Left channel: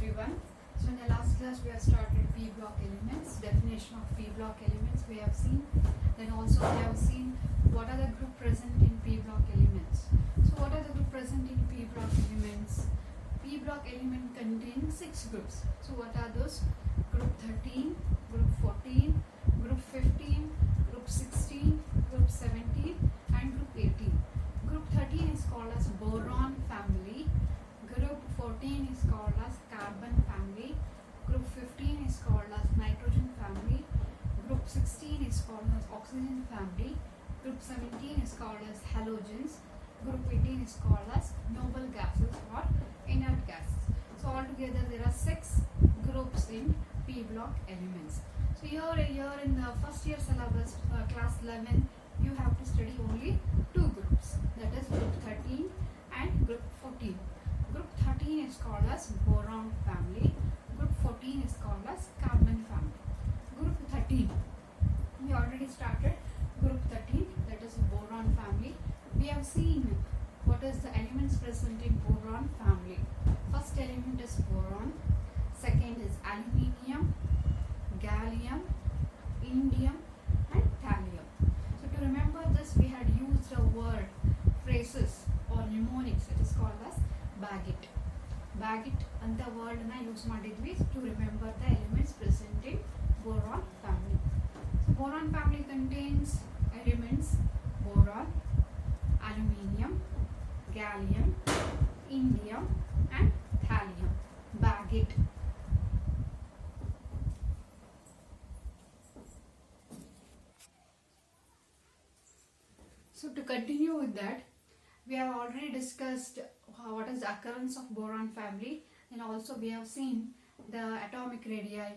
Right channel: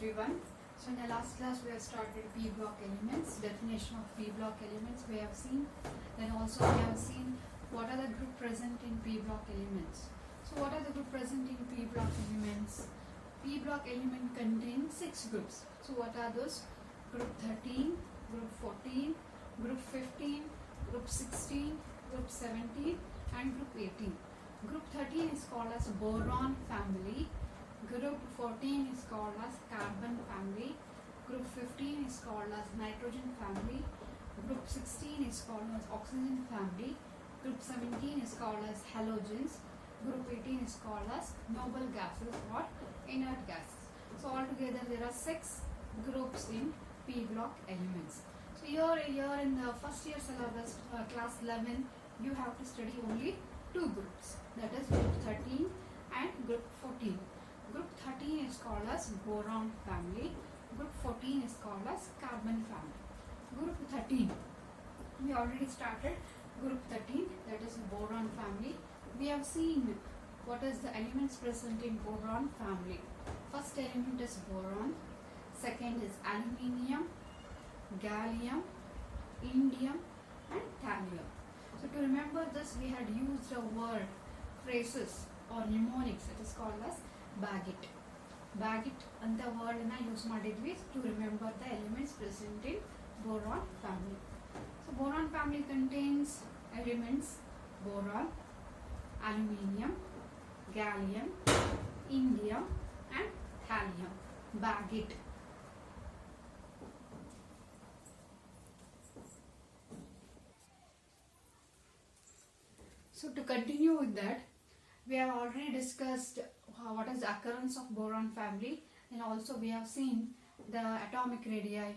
everyone. So in the last class we have started P block elements, definition of P block elements we have seen. Then also we have seen what are the group present in P block elements. So what are the group present in P block elements? P block element contains 6 groups. So what are those? Group 13, group 14, group 15, group 16, group 17 and group 18. Group 13 is called as Boron family. Group 14 is called as carbon family. Group 15 is called as nitrogen family. Group 16 is called as oxygen family. Group 17 is called as halogens. Group 18 is called as noble gases or inert gases. So altogether there are 6 groups in P block elements. So here in the first year syllabus class 11 you have to study only 2 groups, that is group 13 and group 14. Group 13 is called as boron family. Group 14 is called as carbon family. Group 13, we already started group 13, that is boron family. We have seen what is the elements present in boron family. First element is boron, second is aluminium, gallium, indium and thallium. So to remember this we had used a word, phrases or mnemonics, it is called as bagit. Bagit and the word na use ಮಾಡಿದ್ವಿ to remember the elements present in boron family. So boron family contains elements boron, aluminium, gallium, indium and thallium. Bagit. So to continue with that, we have already discussed what is the occurrence of boron family, and also we have seen the atomic radii,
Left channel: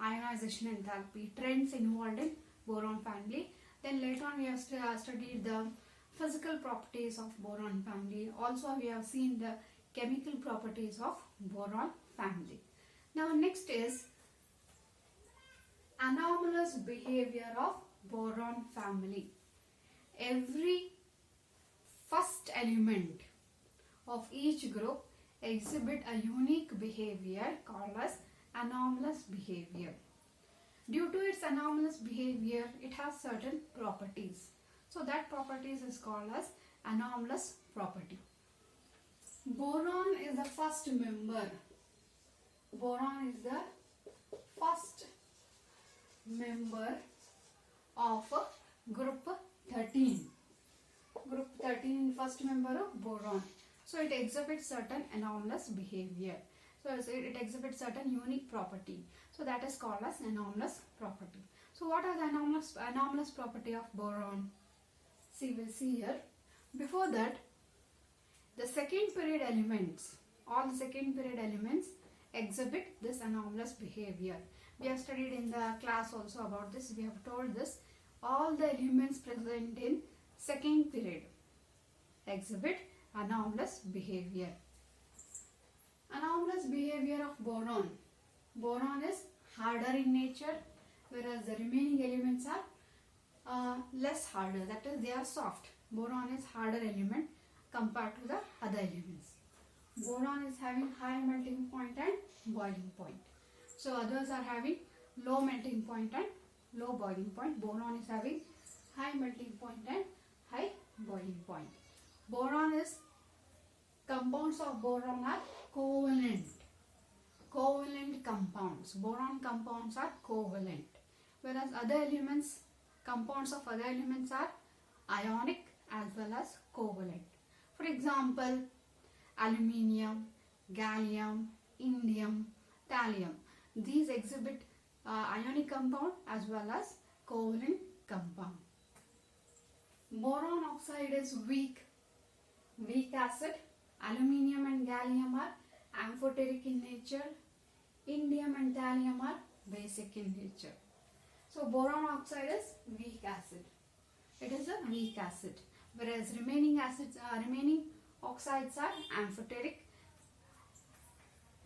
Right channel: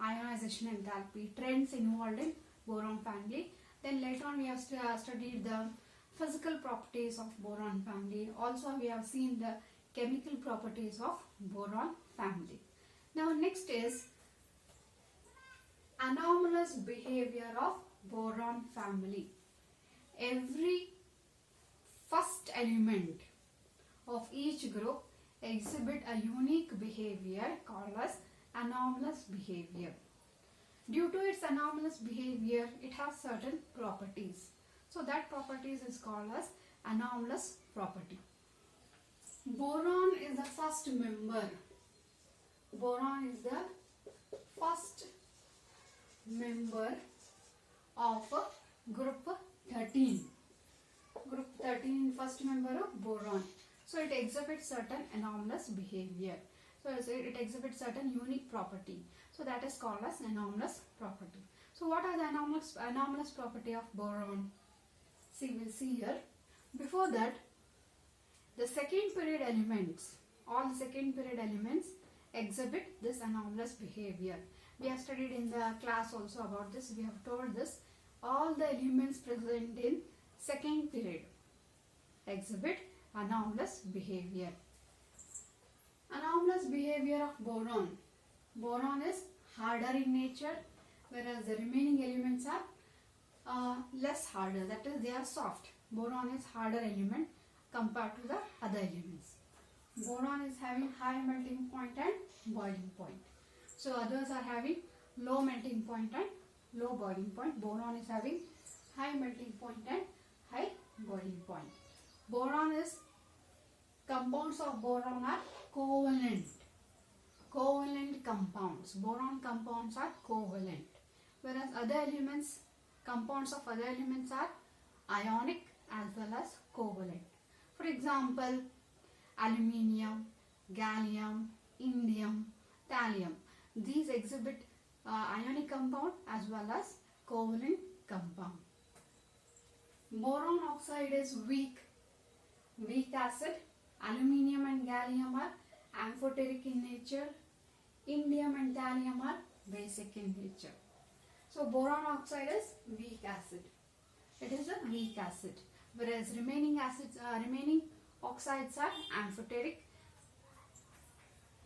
ionization enthalpy, trends involved in boron family. Then later on we have studied the physical properties of boron family. Also we have seen the chemical properties of boron family. Now next is anomalous behavior of boron family. Every first element of each group exhibit a unique behavior called as anomalous behavior. Due to its anomalous behavior, it has certain properties. So that properties is called as anomalous property. Boron is the first member. Boron is the first member of group 13. Group 13 first member of boron. So it exhibits certain anomalous behavior. So it exhibits certain unique property. So that is called as anomalous property. So what are the anomalous property of boron? See, we'll see here. Before that, the second period elements, all the second period elements exhibit this anomalous behavior. We have studied in the class also about this. We have told this. All the elements present in second period exhibit anomalous behavior. Anomalous behavior of boron. Boron is harder in nature, whereas the remaining elements are less harder, that is they are soft. Boron is harder element compared to the other elements. Boron is having high melting point and boiling point. So others are having low melting point and low boiling point. Boron is having high melting point and high boiling point. Boron is, compounds of boron are covalent. Covalent compounds. Boron compounds are covalent. Whereas other elements, compounds of other elements are ionic as well as covalent. For example, aluminium, gallium, indium, thallium. These exhibit ionic compound as well as covalent compound. Boron oxide is weak acid. Aluminium and gallium are amphoteric in nature. Indium and thallium are basic in nature. So boron oxide is weak acid. It is a weak acid. Whereas remaining oxides are amphoteric.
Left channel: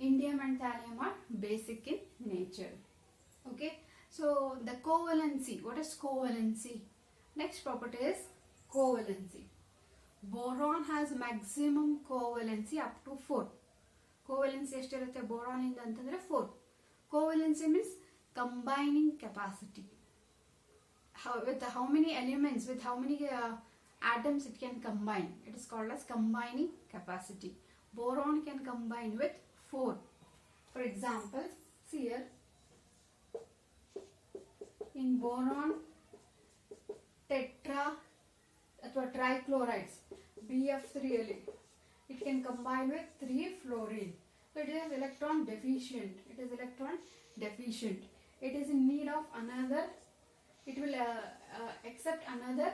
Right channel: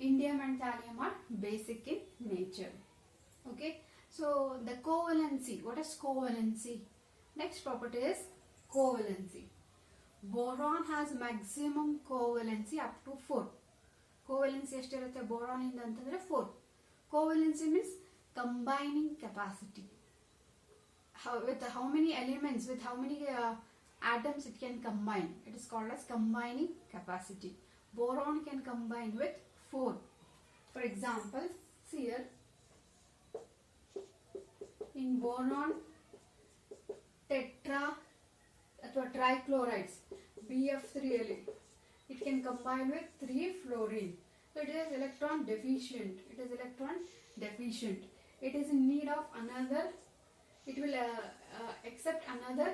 Indium and thallium are basic in nature. Okay. So the covalency. What is covalency? Next property is covalency. Boron has maximum covalency up to 4. ಕೋವೆಲೆನ್ಸಿ ಎಷ್ಟಿರುತ್ತೆ boron ಇಂದ ಅಂತಂದ್ರೆ 4. Covalency means combining capacity. With how many elements, with how many atoms it can combine, it is called as combining capacity. Boron can combine with 4. For example, see here, in boron tetra or trichlorides BF3Le, it can combine with 3 fluorine. So it is electron deficient. It is electron deficient. It is in need of another. It will accept another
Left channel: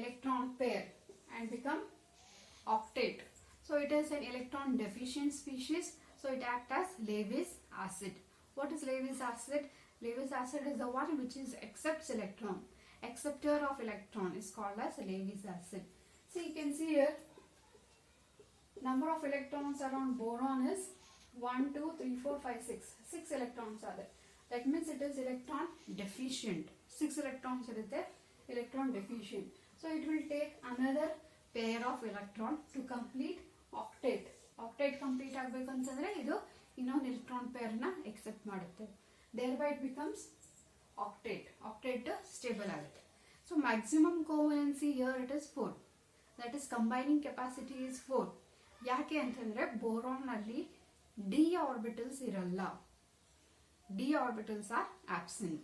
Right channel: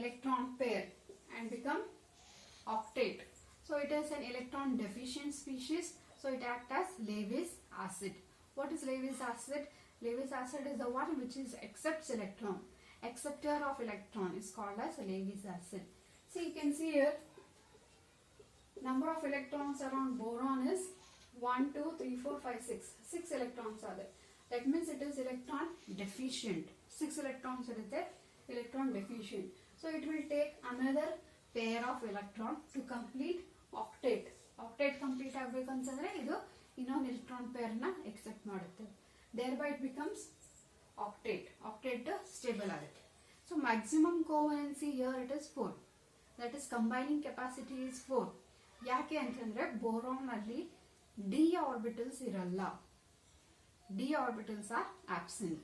electron pair and become octate. So it is an electron deficient species. So it acts as Lewis acid. What is Lewis acid? Lewis acid is the one which is accepts electron. Acceptor of electron is called as Lewis acid. So you can see here, number of electrons around boron is 1, 2, 3, 4, 5, 6. 6 electrons are there. That means it is electron deficient. 6 electrons are there, electron deficient. So it will take another pair of electron to complete octate. Octate complete ಆಗಬೇಕಂತಂದ್ರೆ ಇದು ಇನ್ನೊಂದು electron pair ನ accept ಮಾಡುತ್ತೆ. Thereby it becomes octate. Octate stable ಆಗುತ್ತೆ. So maximum covalency here it is 4. That is combining capacity is 4. ಯಾಕೆ ಅಂತಂದ್ರೆ boron ಅಲ್ಲಿ d orbitals ಇರಲ್ಲ. d orbitals are absent.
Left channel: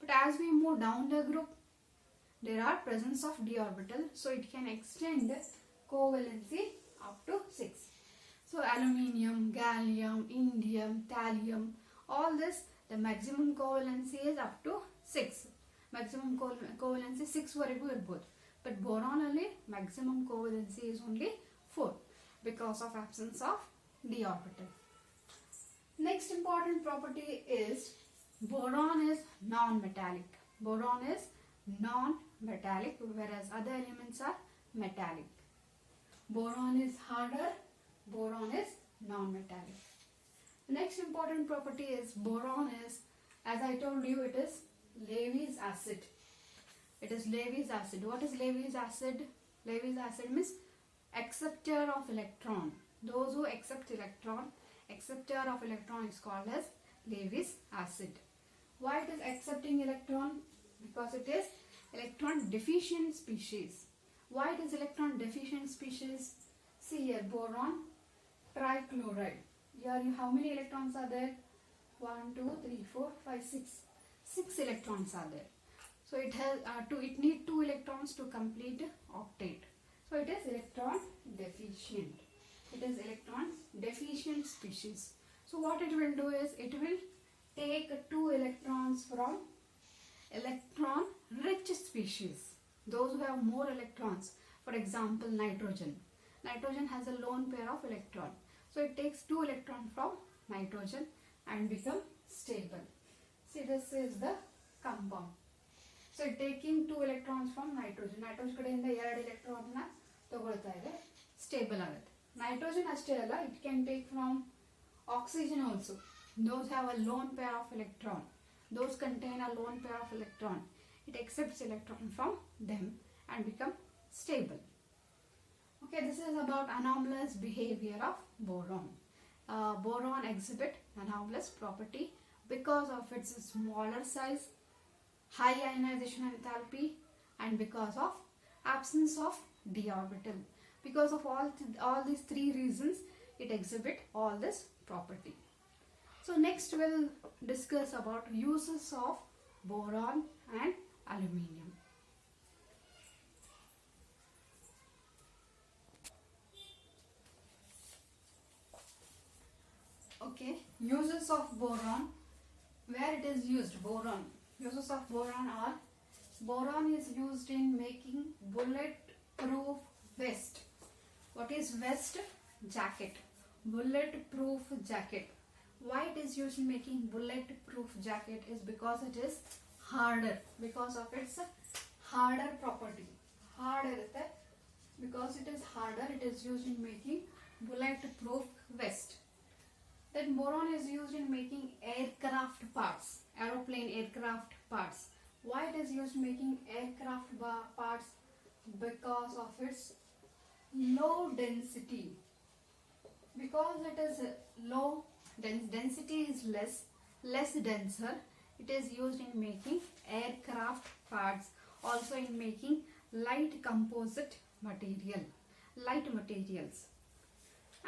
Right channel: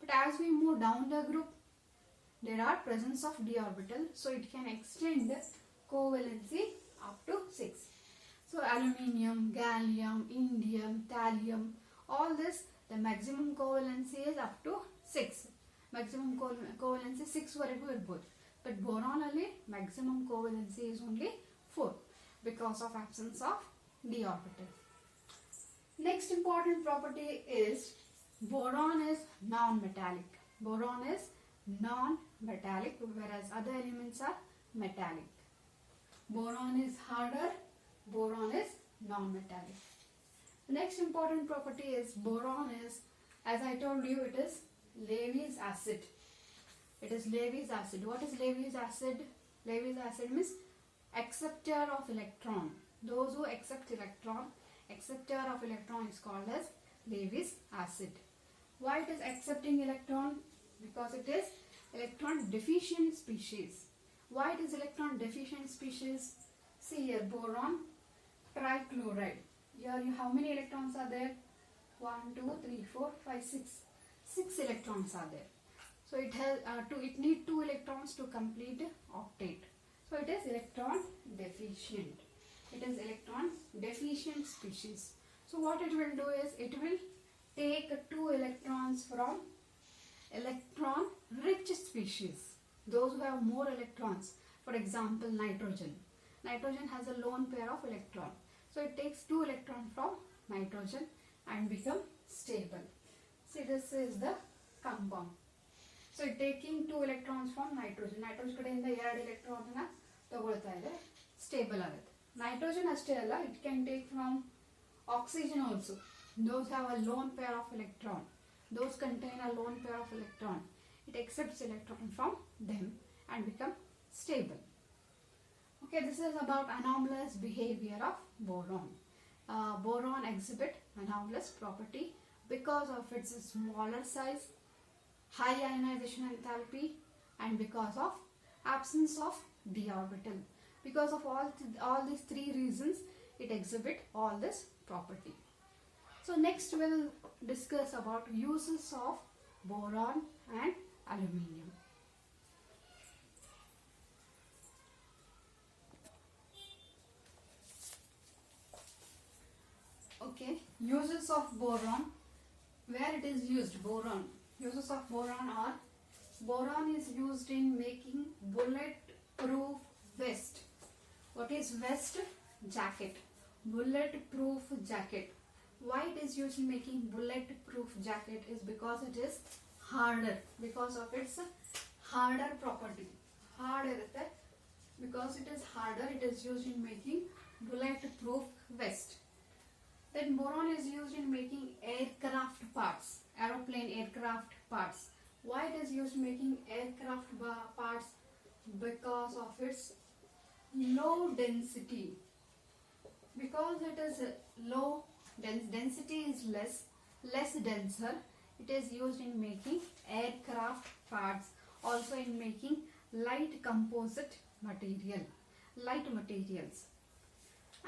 But as we move down the group, there are presence of d orbital, so it can extend covalency up to 6. So aluminium, gallium, indium, thallium, all this, the maximum covalency is up to 6. Maximum covalency 6 ವರೆಗೂ ಇರಬಹುದು. But boron ಅಲ್ಲಿ maximum covalency is only 4 because of absence of d orbital. Next important property is boron is non-metallic. Boron is non-metallic, whereas other elements are metallic. Boron is harder, boron is non-metallic. The next important property is boron is, as I told you, it is Lewis acid. It is Lewis acid. What is Lewis acid? Lewis acid means acceptor of electron. Those who accept electron, acceptor of electron is called as Lewis acid. Why it is accepting electron? Because it is electron deficient species. Why it is electron deficient species? See here, boron trichloride. Here how many electrons are there? 1, 2, 3, 4, 5, 6. 6 electrons are there. So it has it needs 2 electrons to complete octate. So it is electron deficient. It is electron deficient species. So what it will do is it will take 2 electrons from electron rich species. Those who have more electrons. For example, nitrogen. Nitrogen has a lone pair of electron. So it takes 2 electrons from nitrogen and become stable. See, this is the compound. So it taking 2 electrons from nitrogen. Nitrogen ಕಡೆಯಿಂದ 2 electron ನ ತಗೊಳ್ತಾ ಇದೆ, stable ಆಗುತ್ತೆ. Nitrogen ಅಷ್ಟೇ ಅಲ್ಲ, it can take from oxygen also. Those have a lone pair of electron. Those contain a lone pair of electron. It accepts electron from them and become stable. Okay, this is about anomalous behavior of boron. Boron exhibit anomalous property because of its smaller size, high ionization enthalpy, and because of absence of d orbital. Because of all these 3 reasons, it exhibit all this property. So next we'll discuss about uses of boron and aluminium. Okay, uses of boron. Where it is used, boron. Uses of boron are, boron is used in making bullet-proof vest. What is vest? Jacket. Bullet-proof jacket. Why it is used in making bullet-proof jacket is because it is harder. Because of its harder property. Hard irutte. Because it is harder, it is used in making bullet-proof vest. Then boron is used in making aircraft parts, aeroplane aircraft parts. Why it is used in making aircraft parts? Because of its low density. because it is low, density is less denser. It is used in making aircraft parts, also in making light composite material, light materials.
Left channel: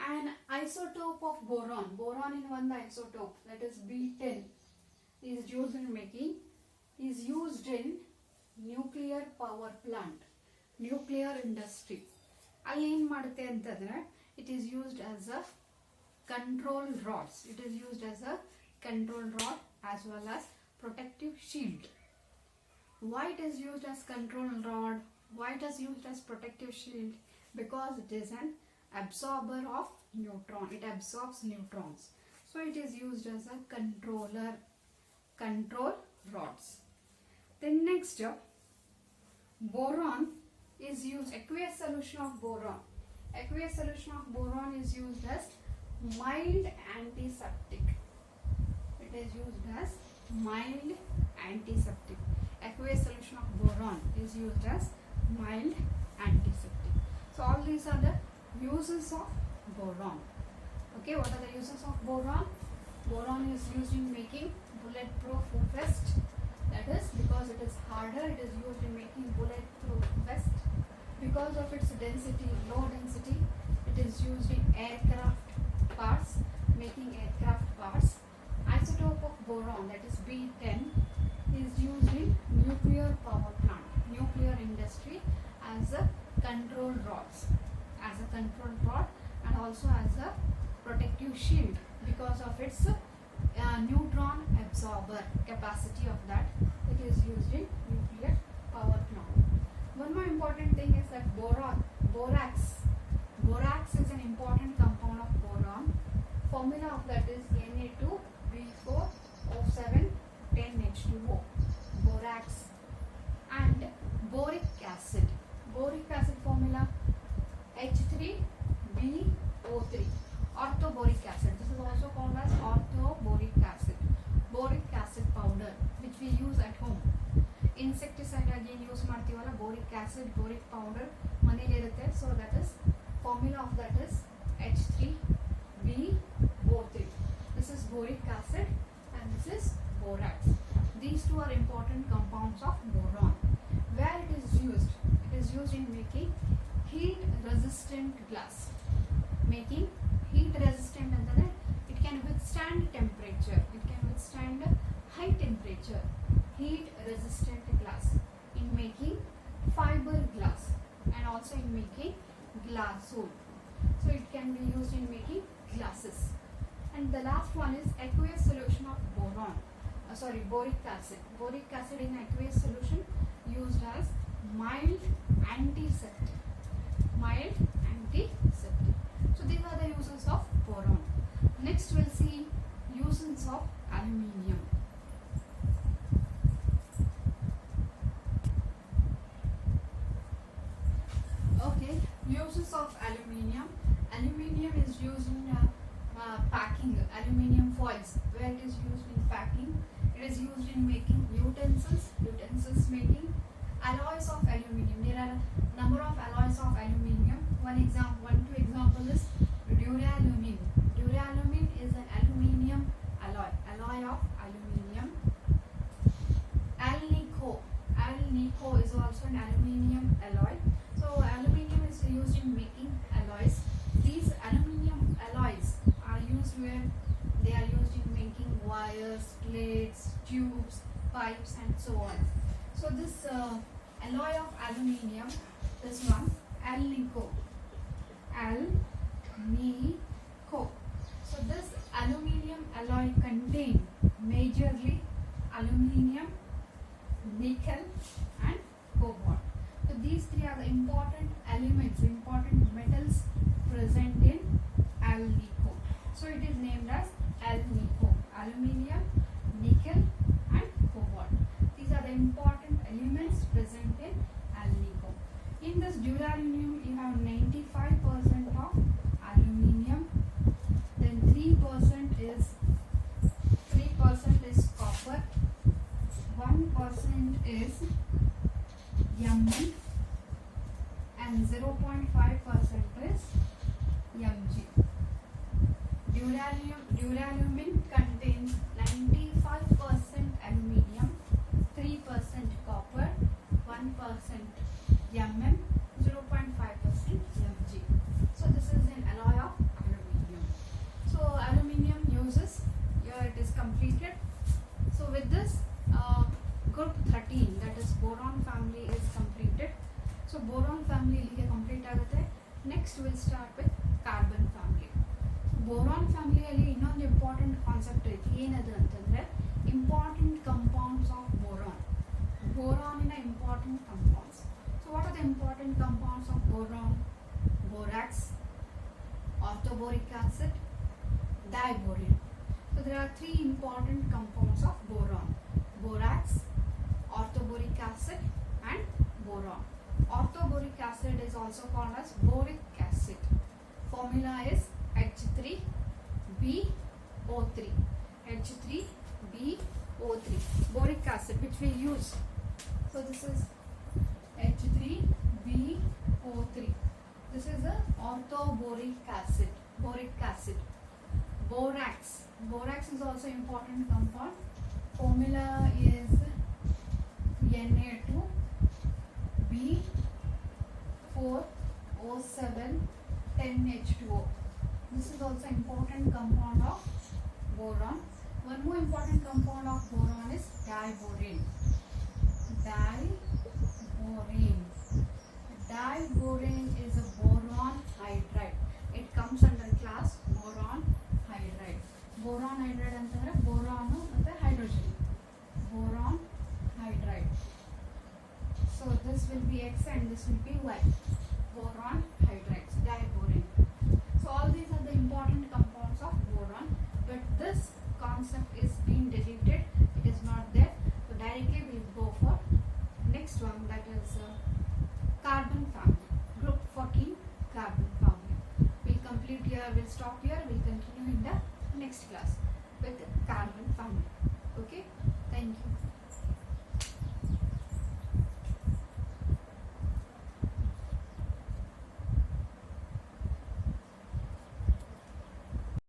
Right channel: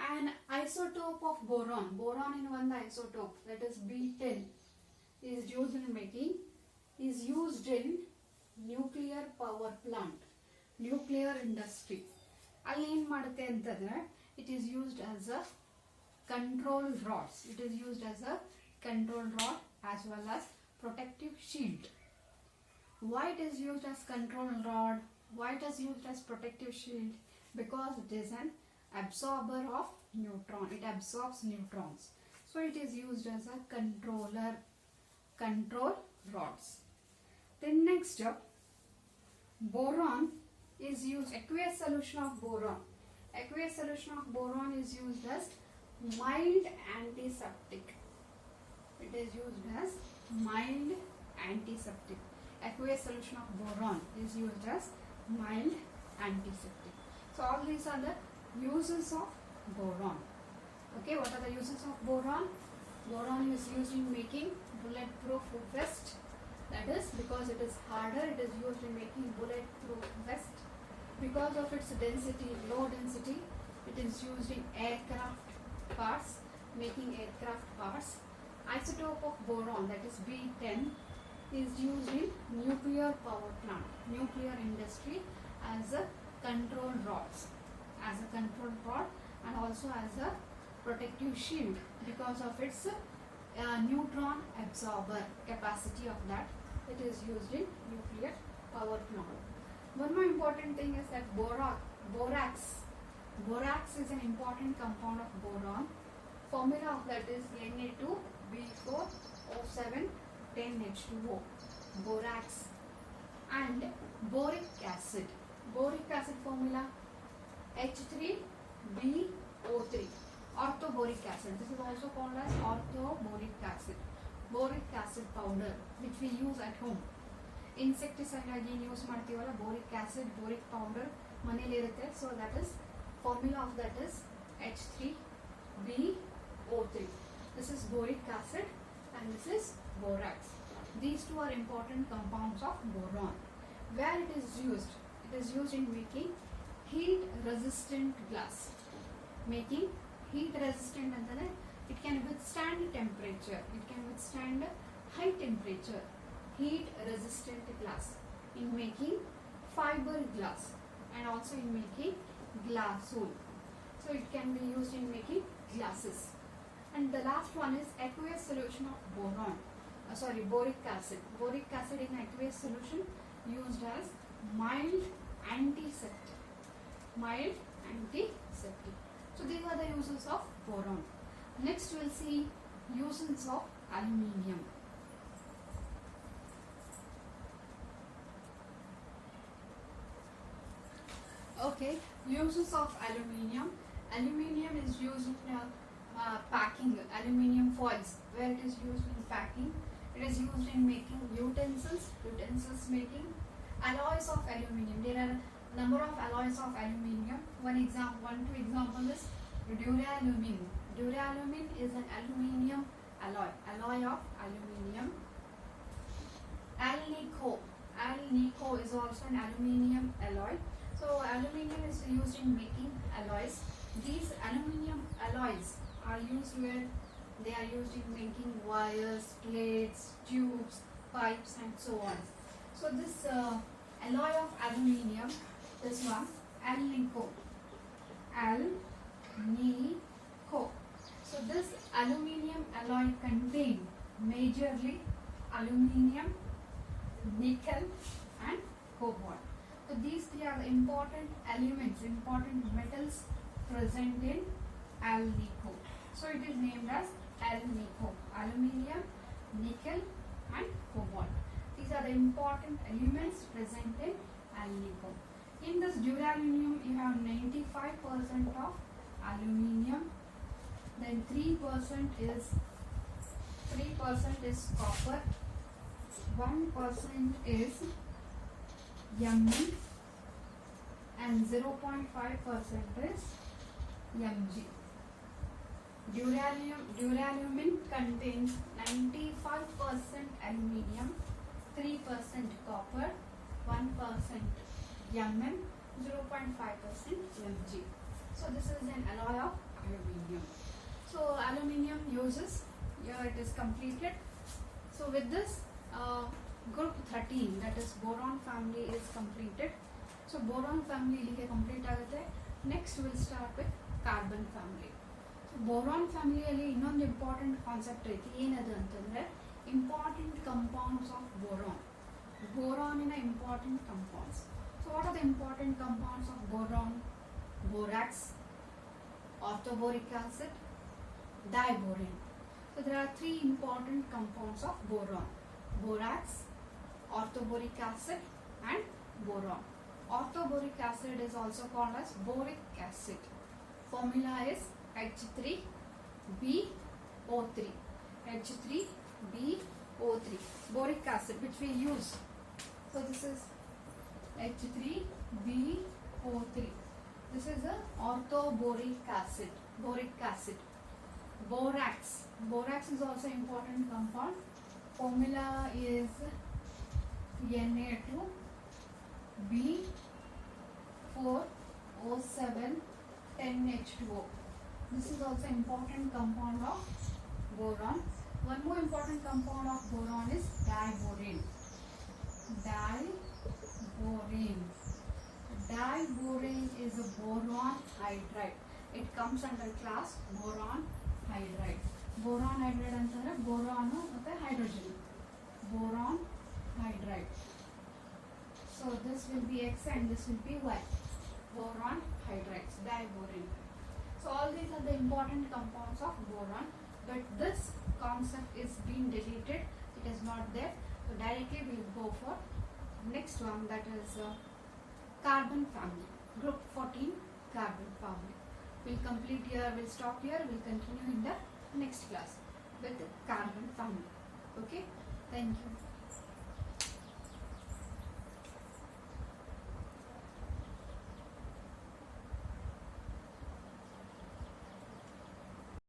An isotope of boron in one isotope, that is B10, is used in nuclear power plant, nuclear industry. ಅಲ್ಲಿ ಏನು ಮಾಡುತ್ತೆ ಅಂತಂದ್ರೆ it is used as a control rods. It is used as a control rod as well as protective shield. Why it is used as control rod? Why it is used as protective shield? Because it is an absorber of neutron. It absorbs neutrons. So it is used as a control rods. Then next, boron is used, aqueous solution of boron. Aqueous solution of boron is used as mild antiseptic. It is used as mild antiseptic. Aqueous solution of boron is used as mild antiseptic. So all these are the uses of boron. Okay, what are the uses of boron? Boron is used in making bulletproof vest. That is because it is harder, it is used in making bulletproof vest. Because of its density, low density, it is used in aircraft parts, making aircraft parts. Isotope of boron, that is B10, is used in nuclear power plant, nuclear industry, as a control rods, as a control rod, and also as a protective shield because of its neutron absorber capacity of that. It is used in nuclear power plant. One more important thing is that borax is an important compound of boron. Formula of that is Na2B4O710H2O, borax. And boric acid formula H3BO3, orthoboric acid. This is also called as orthoboric acid. Boric acid powder, which we use at home. Insecticide again use ಮಾಡ್ತೀವಲ್ಲ, boric acid, boric powder ಮನೇಲಿ ಇರುತ್ತೆ. So that is formula of that is H3BO3. This is boric acid and this is borax. These two are important compounds of boron. Where it is used? It is used in making heat resistant glass. Making heat resistant antare it can withstand temperature. It can withstand high temperature. Heat resistant glass in making fiber glass and also in making glass wool. So it can be used in making glasses. And the last one is aqueous solution of boron. Boric acid. Boric acid in aqueous solution used as mild antiseptic. Mild antiseptic. So these are the uses of boron. Next we'll see uses of aluminium. Okay, uses of aluminium. Aluminium is used in packing, aluminium foils, where it is used in packing. It is used in making utensils making. Alloys of aluminium. There are a number of alloys of aluminium. One two example is duralumin. Duralumin is an aluminium alloy of aluminium. Alnico is also an aluminium alloy. So aluminium is used in making alloys. These aluminium alloys are used where they are used in making wires, plates, tubes, pipes and so on. So this alloy of aluminium, this one, Alnico. So this aluminium alloy contain majorly aluminium, nickel and cobalt. So these three are the important elements, important metals present in Alnico. So it is named as Alnico. Aluminium, nickel and cobalt. These are the important elements present in Alnico. In this duralumin you have 95% of aluminium, then 3% is copper, 1% is Mg and 0.5% is Mg. duralumin contains 95% aluminium, 3% copper, 1% Mn, 0.5% Mg. So this is an alloy of aluminium. So aluminium uses, here it is completed. So with this group 13, that is boron family, is completed. So boron family ilige complete ಆಗುತ್ತೆ. Next we'll start with carbon family. So boron family ಅಲ್ಲಿ ಇನ್ನೊಂದು important concept ಐತಿ. ಏನದು ಅಂತಂದ್ರೆ important compounds of boron. Boron important compounds. So what are the important compounds of boron? Borax, orthoboric acid, diboron. So there are three important compounds of boron: borax, orthoboric acid and boron. Orthoboric acid is also called as boric acid. Formula is H3BO3. H3BO3. Boric acid, which we use. So this is H3BO3. This is the orthoboric acid. Boric acid. Borax. Borax is also important compound. Formula is Na2B4O7 10H2O. This is also important compound of boron. One more important compound of boron is diboron. Diboron is a boron hydride. It comes under class boron hydride. Boron hydride antandre boron ಮತ್ತೆ hydrogen. Boron hydride. So this will be X and this will be Y. Boron hydrides, diboron. So all these are the important compounds of boron, but this concept is being deleted. It is not there. So directly we will go for next one, that is carbon family. Group 14, carbon family. We'll complete here, we'll stop here, we'll continue in the next class with carbon family. Okay, thank you.